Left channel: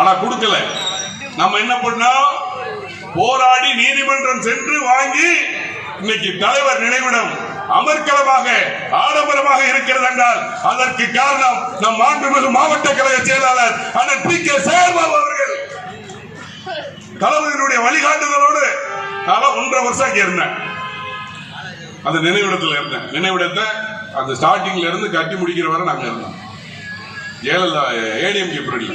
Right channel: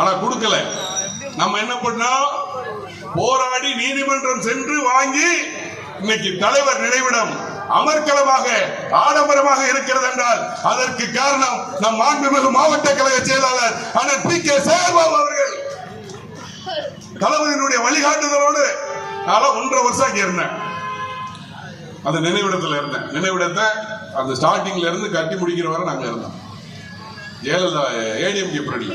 ஆனா கொடுக்கல. நம்ம என்ன பண்ணோம்? போராடி நீதிமன்றம் சென்று வாங்கி இன்னைக்கு தலைவர் நினைவிடம் அமர்க்களமாக ஆடம்பரமாக இருக்கிறது என்றால் அதற்கு காரணம் நம் மாண்புமிகு மாவட்ட கழக செயலாளர் அண்ணன் பி கே சேகர்பாபு அவர்கள் தளபதியினுடைய வழிகாட்டுதலோடு 1.5 வருஷம் அங்கே இருந்தேன். அந்த நினைவிடத்தில் இருந்தேன். நினைவிடத்தை அந்த ஸ்டார்டிங்ல இருந்து கட்டி முடிக்கிற வரை நாங்க இருந்தோம். ஜெயலலிதா ஏடிஎம்கே பீரியட்ல,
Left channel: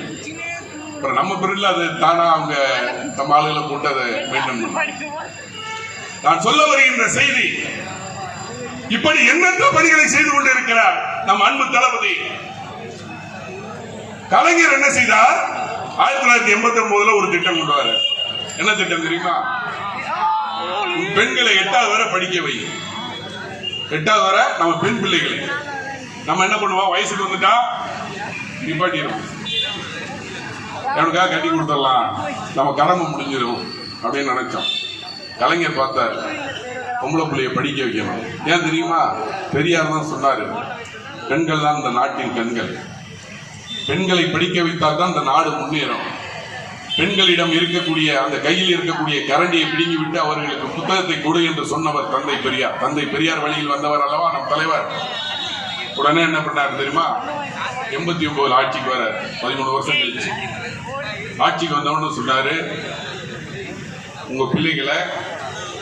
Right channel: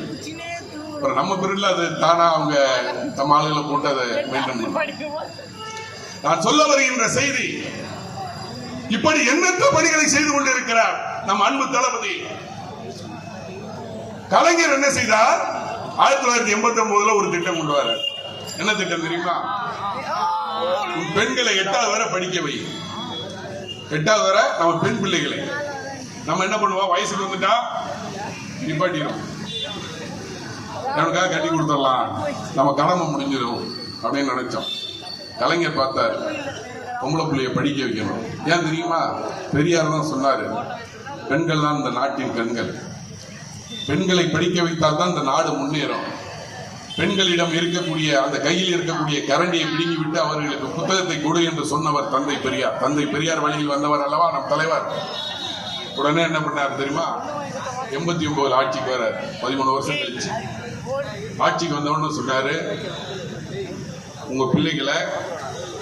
அப்புறம் நம்ம பீரியட்ல அது தானா அவங்க நம்ம ஆளுகளை போட்டு அதை மெயின்டைன் பண்ண. நான் சொல்ல வருகின்ற செய்தி, இப்படி எண்ணற்ற பணிகளை செய்து கொண்டிருக்கிறார் நம் அன்பு தளபதி. கலைஞர் என்ன செய்தார்? 1989 ஒரு திட்டம் கொண்டு வர. என்ன திட்டம் தெரியுமா? பெண்களை 8வது வரை படிக்க வை. 8வது வரை நம்ம பெண் பிள்ளைகளை நம்ம என்ன பண்ணுவோம்? வயசுக்கு வந்துட்டா நிப்பாட்டிடும், எனக்காக கட்டி கொடுத்துடலாம், நம்ம கடமை முடிஞ்சிடும் அப்படின்னு நினைச்சோம். கலைஞர் பார்த்தார், பொம்பளை பிள்ளைய படிக்க வைக்கணும். ஏன் தெரியுமா? பெரியார் தான் சொன்னாரு, பெண்கள் தான் இந்த நாட்டின் கண்கள். பெண்களை படிக்க வைத்தால் தான் இந்த நாடு முன்னேறும். பெண்களிடம் இருக்கக்கூடிய அந்த கையில் இருக்கக்கூடிய கரண்டியை பிடுங்கி விட்டு அவர்களுக்கு புத்தகத்தை கொடு என்று சொன்னவர் தந்தை பெரியார். தந்தை பெரியார் வழியில் வந்தவர் அல்லவா நம் தலைவர். உடனே என்ன பண்ணார் தெரியுமா? 89 ஆட்சிக்கு வர 13 வருஷம் கழிச்சு ஆட்சிக்கு வந்தவன்னு சொன்னாரு, உங்க பிள்ளைகளை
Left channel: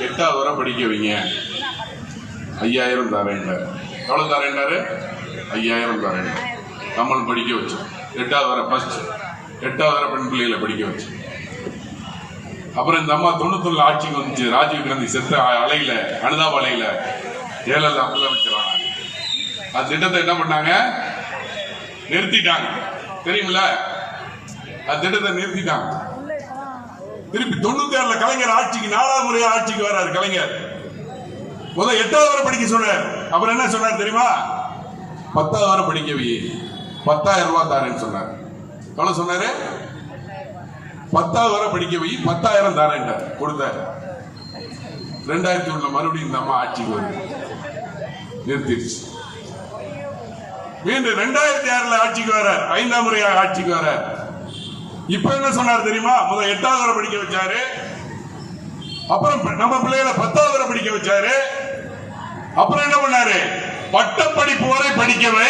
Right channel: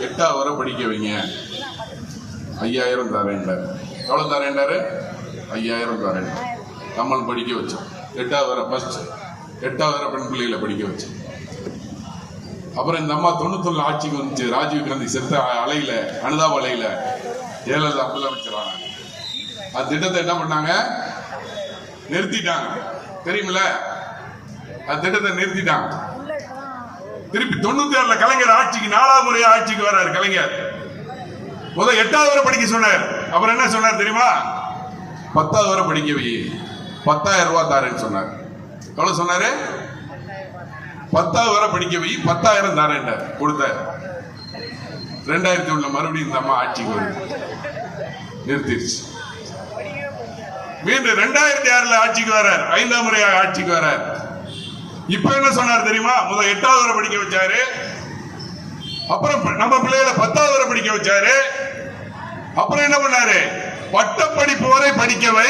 8வது வரை படிக்க வைங்க, 5000 தரேன்டாரு. எவ்வளவு தரேன்டாரு? 5000 தரேன். நம்மளும் படிக்க வச்சோம். 8வது வரை ஃபர்ஸ்ட் 8வது வரை பெண் பிள்ளைகளை படிக்க வச்சு. அப்புறம் இந்த அம்மா 91 ஆட்சிக்கு வந்துச்சு. ராஜீவ் காந்தி செத்த அலையில, அனுதாப அலையில ஜெயலலிதா முதலமைச்சரான அந்த திட்டத்தை என்ன பண்ணாங்க? நிறுத்திட்டாங்க. தெரியுமில்ல? அந்த திட்டத்தை நிறுத்திட்டாங்க. திருப்பி 96 கலைஞர் ஆட்சிக்கு 4வது முறையா ஆட்சிக்கு வர்றாரு கலைஞர். முதல் 8வது வரை படிக்க சொன்னார். அப்புறம் என்ன சொன்னார் தெரியுமா? 10வது வரை படிக்க வை, 10,000 ரூபாய் தாரேன்னு சொன்னார். எவ்வளவு சொன்னாரு? 10வது வரை படிக்க வை, 10,000 தாரேன் கொடுத்த. 2001 மறுபடியும் இந்த அம்மா ஆட்சிக்கு வருது, நிறுத்திடுச்சு. மீண்டும் 2006 ஆட்சிக்கு வர, 5ஆம் முறையாக ஆட்சிக்கு வர. இப்ப என்ன சொன்னார் தெரியுமா? முதல் 8வது வரை படிக்க வச்சாரு, அப்புறம் நம்ம பிள்ளைகளை 10வது வரை படிக்க வச்சாரு. அப்புறம் என்ன பண்ணாரு? பட்டப்படிப்பு வரை படிக்கவை,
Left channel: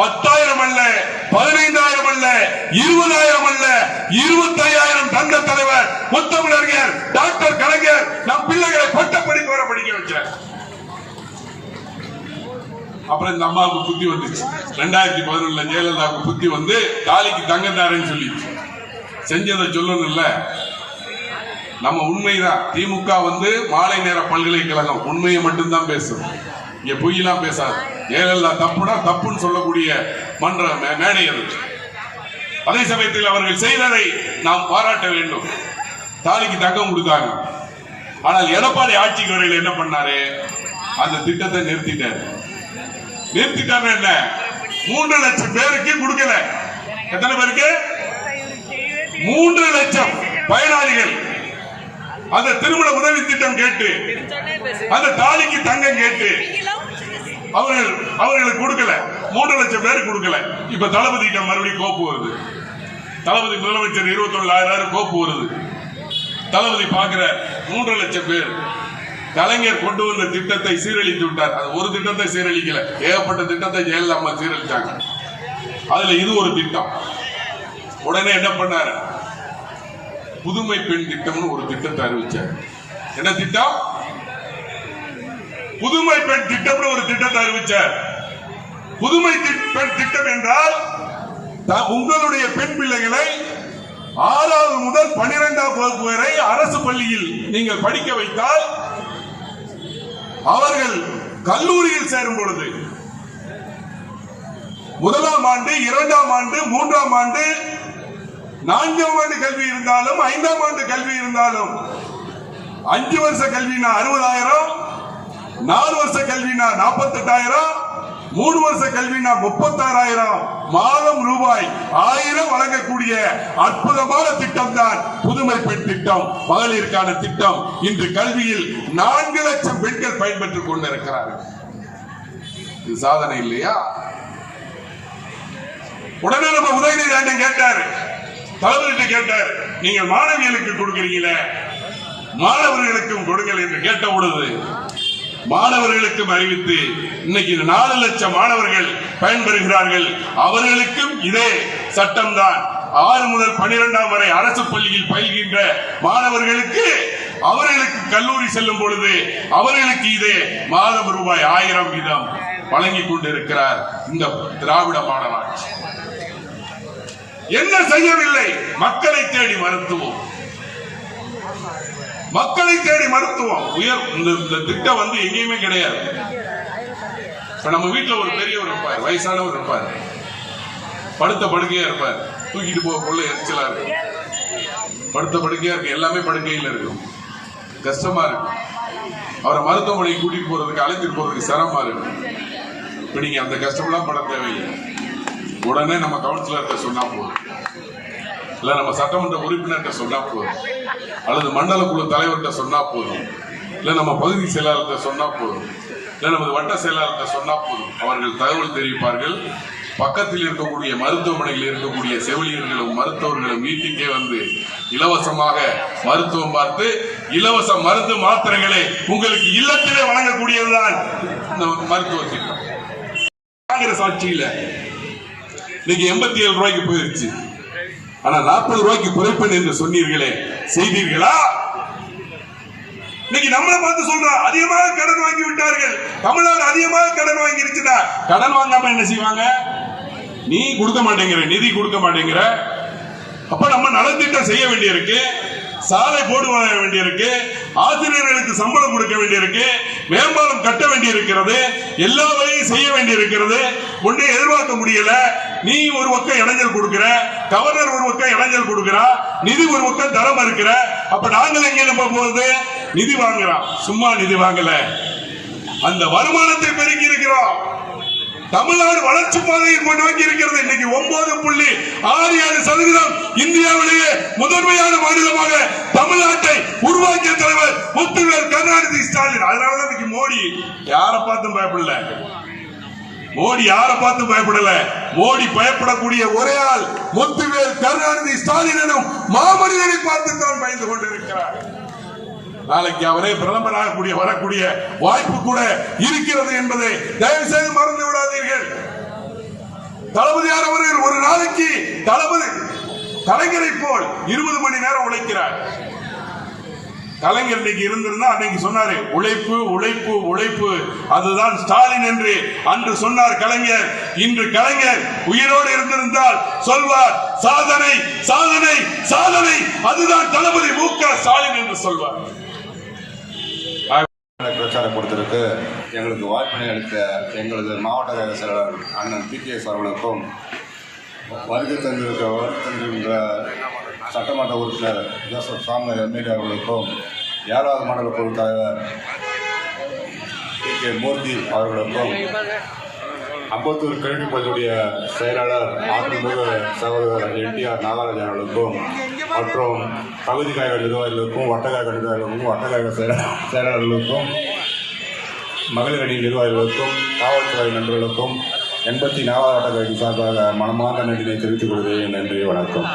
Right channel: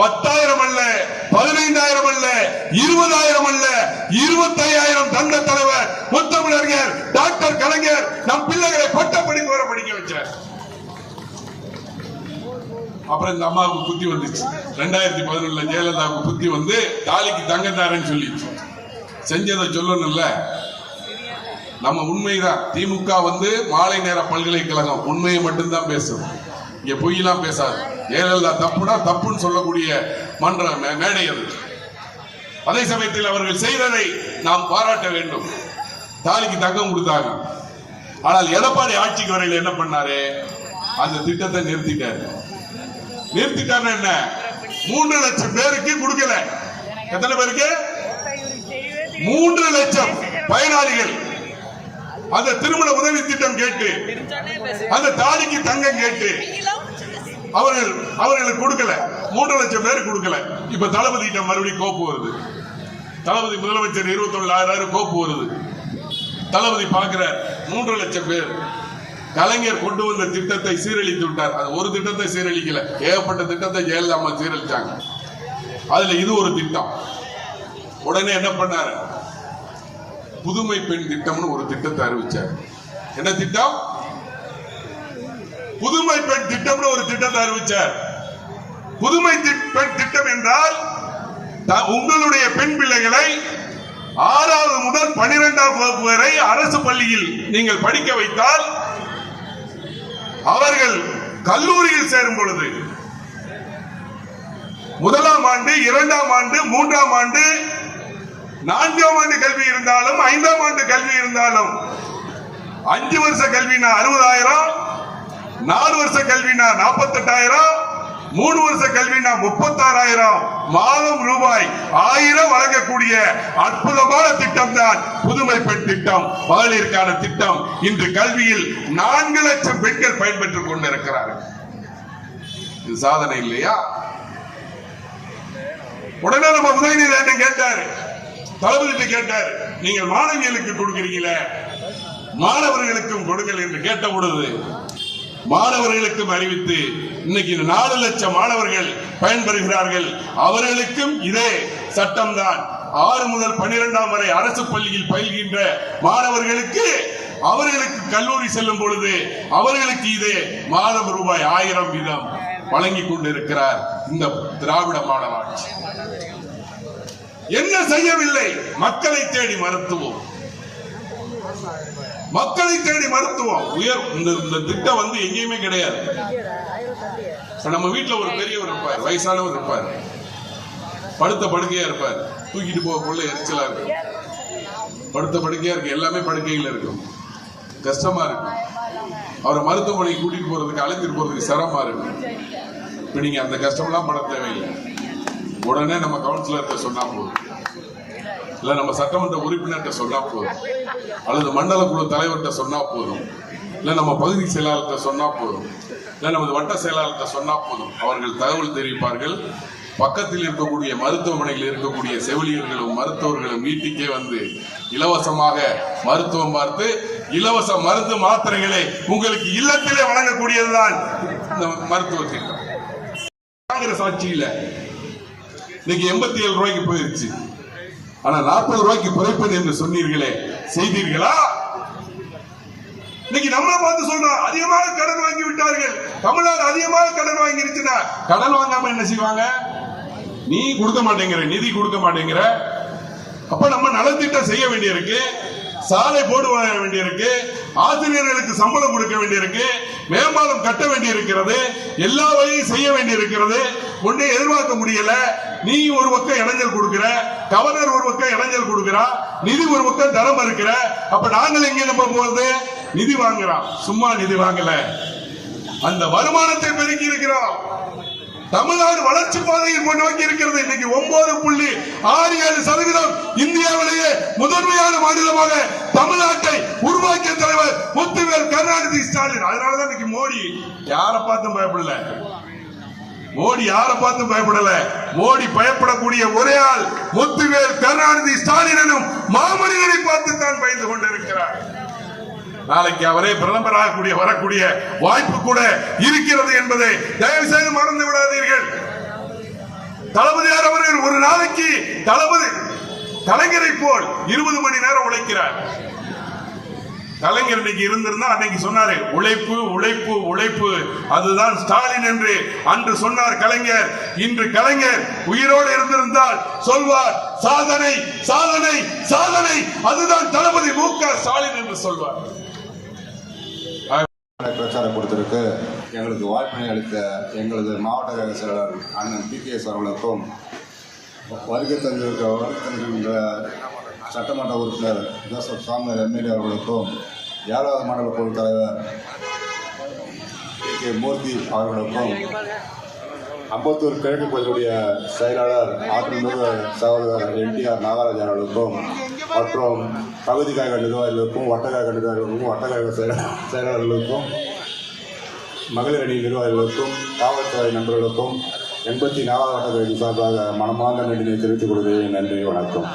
10,000 அல்ல, 15,000 அல்ல, 20,000 அல்ல, 25,000 தந்த தலைவர் முத்தமிழறிஞர் டாக்டர் கலைஞர் நம் பிள்ளைகளை பட்டப்படிப்பு வரை படிக்க வச்சார். அப்புறம் இந்த அம்மாவுக்கு புத்தி வந்துச்சு. 2011 ஜெயலலிதாவுக்கு புத்தி வந்து தாலிக்கு தங்கத்தாரன்னு சொல்லி செஞ்சதை சொல்லணும்ல. நம்ம உண்மைதான். திமுக வந்து மாலை நேர பல்கலைக்கழகம் உண்மையை மட்டும்தான் பேசும், இங்க பொய்யெல்லாம் பேசாது. ஜெயலலிதா தப்புனா தப்புன்னு சொல்லக்கூடிய மன்ற மேடை அது. அதே சமயத்தில் அவர்கள் செய்ததை நாம் பாராட்ட வேண்டும். தாலிக்கு தங்கம் கொடுத்தாங்க. ஆனால் எடப்பாடி ஆட்சிக்கு வரையில் என்ன பண்ணாரு? அந்த திட்டத்தை நிறுத்திட்டாரு. நிறுத்திட்டாங்க. என்ன? 3 லட்சம் பேருக்கு கொடுக்கல. எத்தனை பேருக்கு? 3 லட்சம் பயனாளிகள் அந்த திருமண உதவி திட்டம் கேட்டு, அந்த தாலிக்கு தங்கம் கேட்டு அவர்களுக்கு கொடுக்கல. 3 லட்சம் பேருக்கு கொடுக்கல. இப்ப தளபதி மறுபடியும் கோப்பு வருது. தளபதி முதலமைச்சர் 21,000 கோப்பு வருது. தளபதி பார்க்கிற 3 லட்சம் பேர். கலைஞர் கொண்டு வந்த திட்டத்தை சீரழித்து விட்டார். அது ஒரு திட்டத்தை சீரழிக்கல, ஏகப்பட்ட திட்டத்தை ஜெயலலிதா அம்மா சீரழிச்சாங்க. அதுல இது ஒரு திட்டம். உடனே என்ன பண்ணாரு? புதுமை பெண் திட்டம்னு ஒரு திட்டத்தை அறிவிச்சார். என்ன திட்டம்? புதுமை பெண் திட்டம்னு ஒரு திட்டத்தை அறிவிச்சார். புதுமை பெண் திட்டம் என்றால் உங்களுடைய பெண் பிள்ளைகளை 6வது முதல் 12ஆம் வகுப்பு வரை அரசு பள்ளியில் நீங்கள் படிக்க வைத்தால் அவர்கள் கல்லூரியில் சேரும் பொழுது 1ஆம் ஆண்டு, 2ஆம் ஆண்டு, 3ஆம் ஆண்டு, 4ஆம் ஆண்டு கல்வி இருந்தாலும், 5ஆம் ஆண்டு கல்வி இருந்தாலும், 5 வருஷ கல்வினா 60,000, 4 வருஷ கல்வினா 48,000, 3 வருஷ கல்வினா 36,000, மாதம் ரூபாய் 1000 வழங்கக்கூடிய அற்புதமான திட்டம் தான் புதுமை பெண் திட்டம், மகளிருக்கான திட்டம். இன்று கல்வியில் 4 லட்சம் பெண்கள் பயன்பெற்றுக் கொண்டிருக்கிறார்கள். இது சாதனை இல்லையா? உடனே நம்ம உதயநிதி கேட்டாரு, தளபதி கேட்டார், நீங்க மாணவிகளுக்கு கொடுக்கிறீங்களே, மாணவர்களுக்கும் கொடுங்கள் என்று கேட்ட பொழுது மாணவர்களுக்கும் அறிவித்து இன்னைக்கு 4 லட்சம் மாணவர்கள் பயன்பெறுகிறார்கள். அவர்களுக்கும் இதே சட்டம்தான். 6 முதல் 12ஆம் வரை அரசு பள்ளியில் பயில்கின்ற மாணவர்களுக்கு அவர்களுக்கு கல்லூரி செல்லும் பொழுது அவர்களுக்கு இதே மாதம் ரூபாய் 1000 வீதம் வழங்கிக் கொண்டிருக்கிறார் இந்த திராவிட மாடல் ஆட்சி. என்ன செய்யவில்லை? மக்களை தேடி மருத்துவம், மக்களை தேடி மருத்துவம் உயர். இந்த திட்டம் வந்து எங்கேயுமே கிடையாது. நம்ம வீட்டுல ஒரு பெரியவர் இருப்பார், வயசானவர் இருப்பார், படுத்த படுக்கையா இருப்பார், தூக்கிட்டு போக கொள்ள எரிச்சலா இருக்கும், படுத்த படுக்கையா இருக்கு, எல்லாமே படுக்கையில் இருக்கும், கஷ்டமா இருக்கும். அவரை மருத்துவமனைக்கு கூட்டிட்டு போறதுக்கு அழைத்துட்டு போறதுக்கு சிரமமா இருக்கு. இப்ப நீங்க அந்த கஷ்டம்லாம் பட தேவையில்லை. உடனே நம்ம கவுன்சிலர்கிட்ட சொன்னா போதும், இல்ல நம்ம சட்டமன்ற உறுப்பினர்கிட்ட சொன்னா போதும், அல்லது மண்டல குழு தலைவர்கிட்ட சொன்னா போதும், இல்ல நம்ம பகுதி செயலாளர்கிட்ட சொன்னா போதும், இல்ல நமது வட்ட செயலாளர்கிட்ட சொன்னா போதும். அவர்கள் தகவல் தெரிவிப்பார்கள். பக்கத்தில் இருக்கக்கூடிய மருத்துவமனையில் இருக்கக்கூடிய செவிலியர்களும் மருத்துவர்களும் வீட்டுக்கே வந்து இலவசமாக மருத்துவம் பார்த்து இலவச மருந்து மாத்திரைகளை உங்களுக்கு இல்லத்திலே வழங்கக்கூடியதுதான் மருத்துவ திட்டம். காங்கிரஸ் ஆட்சியில் இன்னைக்கு 87 ரூபாய்க்கு போயிருச்சு. ஆனா 40 ரூபாய்க்கு குறைப்பேன் என்று சொன்னீர்களே, செய்தீர்களா? இன்னைக்கு நம்மளை பார்த்து சொல்றோம், அதிகமாக கடன் வாங்கி விட்டார்கள், தமிழ்நாடு அதிகமாக கடன் வாங்கிருச்சுன்னா கடன் வாங்காம என்ன செய்வாங்க? நீ கொடுக்க மாட்டேங்கிற, நிதி கொடுக்க மாட்டேங்கிற, அப்ப நம்ம நலத்திட்டம் செய்ய வேண்டியிருக்கு, சாலை போட வேண்டியிருக்கு, ஆசிரியர்களுக்கு சம்பளம் கொடுக்க வேண்டியிருக்கு, மேம்பாலம் கட்ட வேண்டியிருக்கிறது, எல்லா வழியும் செய்ய வேண்டியிருக்கிறது. ஒன்றே எதிர்பார்க்க முடியல. நீ ஒரு பக்கம் இடைஞ்சல் கொடுக்கிற, கவர்னர் ஒரு பக்கம் இடைஞ்சல் கொடுக்கிறா, நிதி ஒரு பக்கம் தரம் இருக்கிற. அப்ப நாங்கள் எங்க நம்ம போகுது? நிதி வாங்குறோம். சும்மா நிதி வாங்கல, அந்த வருமானத்தை பெருக்கி இருக்கிறோம். தமிழ்நாடு வளர்ச்சி பாதையில் கொண்டு நோக்கி இருக்கிறது. இன்னைக்கு 9.67% இந்தியாவிலேயே முதன்மையான மாநிலமாக தமிழ்நாட்டை உருவாக்கிய தலைவர் முத்துவேல் கருணாநிதி ஸ்டாலின். அதனாலதான் இன்னைக்கு மோடி யாரை பார்த்தும் பயப்படல. மோடி யாரை பார்த்தும் பயப்படல. மோடி பயப்படக்கூடிய ஒரே ஆள் முத்துவேல் கருணாநிதி ஸ்டாலின் எனும் மாமனிதனை பார்த்து தான் பயந்து கொண்டிருக்கிறார். நாளைக்கு அவரே பிரதமராக வரக்கூடிய வாய்ப்பு கூட இருக்கிறது என்பதை தயவு செய்து மறந்து விடாதீர்கள். தளபதியார் அவர்கள் ஒரு நாளைக்கு தளபதி கலைஞரை போல் 20 மணி நேரம் உழைக்கிறார். கலைஞர் இன்னைக்கு இருந்திருந்தா அன்னைக்கு சொன்னாரு, உழைப்பு உழைப்பு உழைப்பு, அதுதான் ஸ்டாலின் என்று அன்று சொன்னார் கலைஞர். இன்று கலைஞர் உயிரோடு இருந்திருந்தால் சொல்வார், சாதனை சாதனை சாதனை, அதுதான் தளபதி மு.க. ஸ்டாலின் என்று சொல்வார். பிரச்சாரம் கொடுத்திருக்கு. எங்களுக்கு வாய்ப்பினை அளித்த எங்களது மாவட்ட செயலாளர் அண்ணன் பி.கே.எஸ். அவர்களுக்கும், வருகை தந்திருக்கின்ற சட்டமன்ற உறுப்பினர் ஜோசப் சாமுவேல் எம்எல்ஏ அவர்களுக்கும், 7வது மாநில குழு தலைவர் பி.கே. மூர்த்தி அவர்களுக்கும், அம்பத்தூர் கிழக்கு பகுதியுடைய செயலாளர் ஆத்மமிகு சகோதரர் என்.டி.ஆர். நாகராஜன் அவர்களுக்கும், மற்றும் பகுதி கழக நிர்வாகிகளுக்கும், வட்டக்கழக நிர்வாகிகளுக்கும், வட்டக்கழக செயலாளர்களுக்கும், மகளிர் அணி நிர்வாகிகளுக்கும், காவல்துறை நண்பர்களுக்கும் 84வது வட்டக்கழக சார்பாக மனமார்ந்த நன்றியை தெரிவித்துக் கொள்கிறேன். நன்றி, வணக்கம்.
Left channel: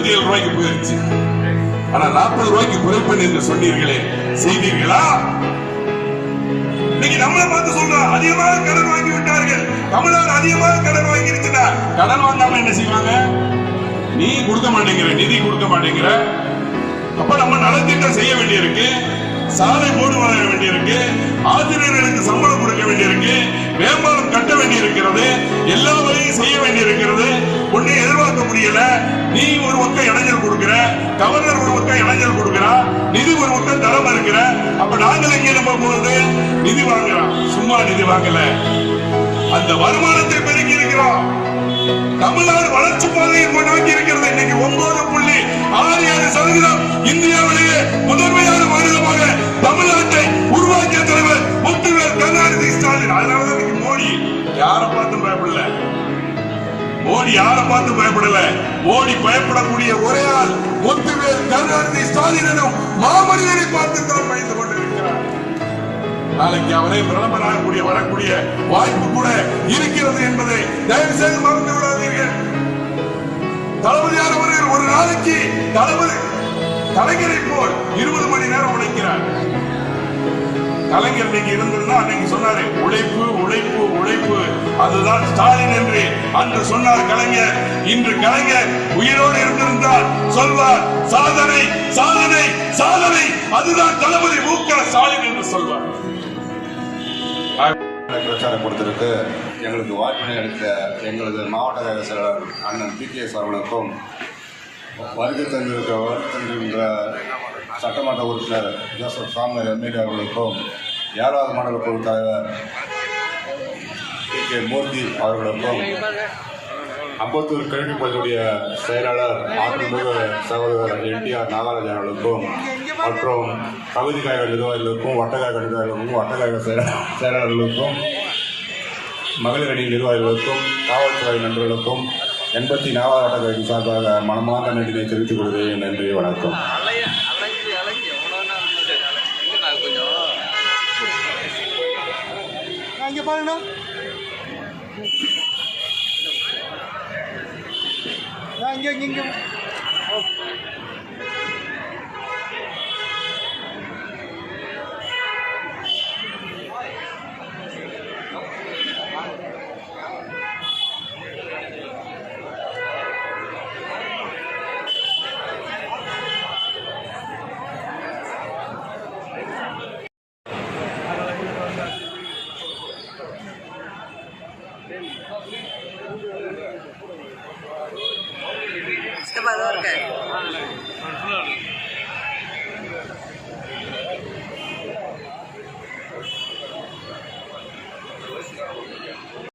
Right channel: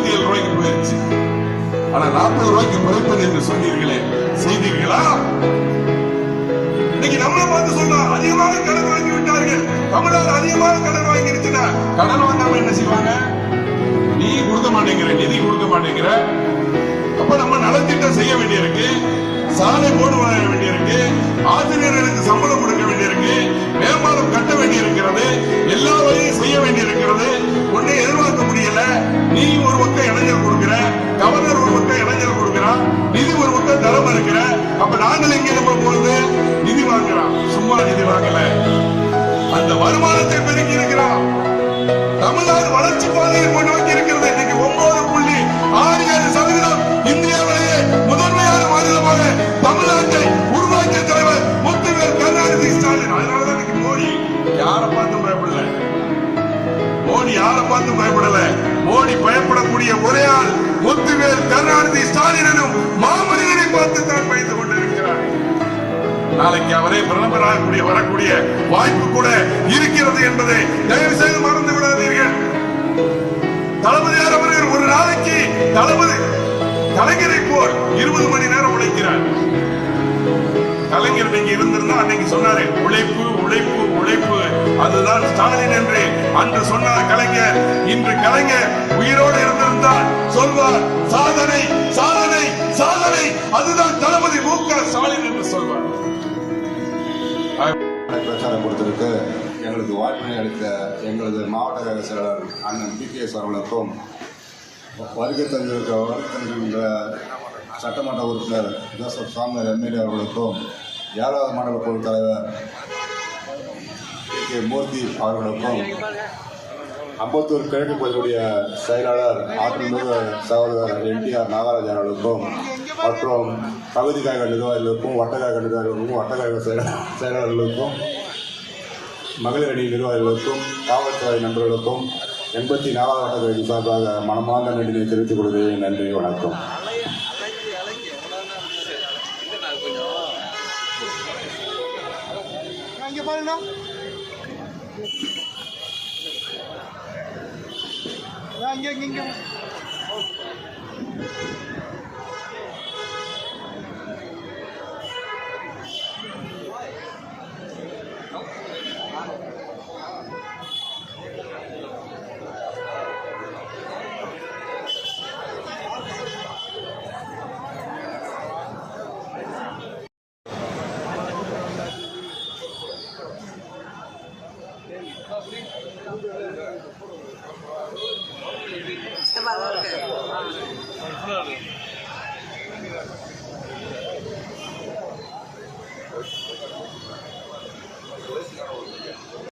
57 ரூபாய்க்கு போயிருச்சு. ஆனா 40 ரூபாய்க்கு குறைப்பேன் என்று சொன்னீர்களே, செய்தீர்களா? இன்னைக்கு நம்மளை பார்த்து சொல்றோம், அதிகமாக கடன் வாங்கி விட்டார்கள், தமிழ்நாடு அதிகமாக கடன் வாங்கி இருச்சுன்னா கடன் வாங்காம என்ன செய்வாங்க? நீ கொடுக்க மாட்டேங்கிற, நிதி கொடுக்க மாட்டேங்கிற, அப்ப நம்ம நலத்திட்டம் செய்ய வேண்டியிருக்கு, சாலை போடு வாங்க வேண்டியிருக்கு, ஆசிரியர்களுக்கு சம்பளம் கொடுக்க வேண்டியிருக்கு, மேம்பாலம் கட்ட வேண்டியிருக்கிறது, எல்லா வழியும் செய்ய வேண்டியிருக்கிறது. ஒன்னே எதிர்பார்க்க முடியல. நீ ஒரு பக்கம் இளைஞர் கொடுக்கிற, கவர்னர் ஒரு பக்கம் இளைஞர் கொடுக்கிறா, நிதி ஒரு பக்கம் தரம் இருக்கிற, அப்ப நாங்கள் எங்கே நம்ம போறது? நிதி வாங்குறோம். சும்மா நிதி வாங்கல, அந்த வருமானத்தை பெருக்கி இருக்கிறோம். தமிழ்நாடு வளர்ச்சி பாதையை நோக்கி இருக்கிறது. இன்னைக்கு 9.67% இந்தியாவிலேயே முதன்மையான மாநிலமாக தமிழ்நாட்டை உருவாக்கிய தலைவர் முத்துவேல் கருணாநிதி ஸ்டாலின். அதனாலதான் இன்னைக்கு மோடி யாரை பார்த்து பயப்படல. மோடி யாரை பார்த்து பயப்படல. மோடி பயப்படக்கூடிய ஒரே ஆள் முத்துவேல் கருணாநிதி ஸ்டாலின் எனும் மாமனிதனை பார்த்து தான் பயந்து கொண்டிருக்கிறார். நாளைக்கு அவரை பிரதமராக வரக்கூடிய வாய்ப்பு கூட இருக்கிறது என்பதை தயவு செய்து மறந்து விடாதீர்கள். தளபதியார் அவர்கள் ஒரு நாளைக்கு தளபதி கலைஞரை போல் 20 மணி நேரம் உழைக்கிறார். கலைஞர் இன்னைக்கு இருந்திருந்தா அன்னைக்கு சொன்னாரு, உழைப்பு உழைப்பு உழைப்பு, அதுதான் ஸ்டாலின் என்று அன்று சொன்னார் கலைஞர். இன்று கலைஞர் உயிரோடு இருந்திருந்தால் சொல்வார், சாதனை சாதனை சாதனை, அதுதான் தளபதி மு.க. ஸ்டாலின் என்று சொல்வார். பிரச்சாரம் கொடுத்திருக்கு. எங்களுக்கு வாய்ப்பினை அளித்த எங்களது மாவட்ட கழக செயலாளர் அண்ணன் PKS அவர்களுக்கும், வருகை தந்திருக்கின்ற சட்டமன்ற உறுப்பினர் ஜோசப் சாமுவேல் MLA அவர்களுக்கும், 7வது மாநில குழு தலைவர் K. மூர்த்தி அவர்களுக்கும், அம்பத்தூர் கிழக்கு பகுதியுடைய செயலாளர் ஆற்றல்மிகு சகோதரர் NTR நாகராஜன் அவர்களுக்கும், மற்றும் பகுதி கழக நிர்வாகிகளுக்கும், வட்டக்கழக நிர்வாகிகளுக்கும், வட்டக்கழக செயலாளர்களுக்கும், மகளிர் அணி நிர்வாகிகளுக்கும், காவல்துறை நண்பர்களுக்கும் 84வது வட்டக்கழக சார்பாக மனமார்ந்த நன்றியை தெரிவித்துக் கொள்கிறேன். நன்றி, வணக்கம். இங்க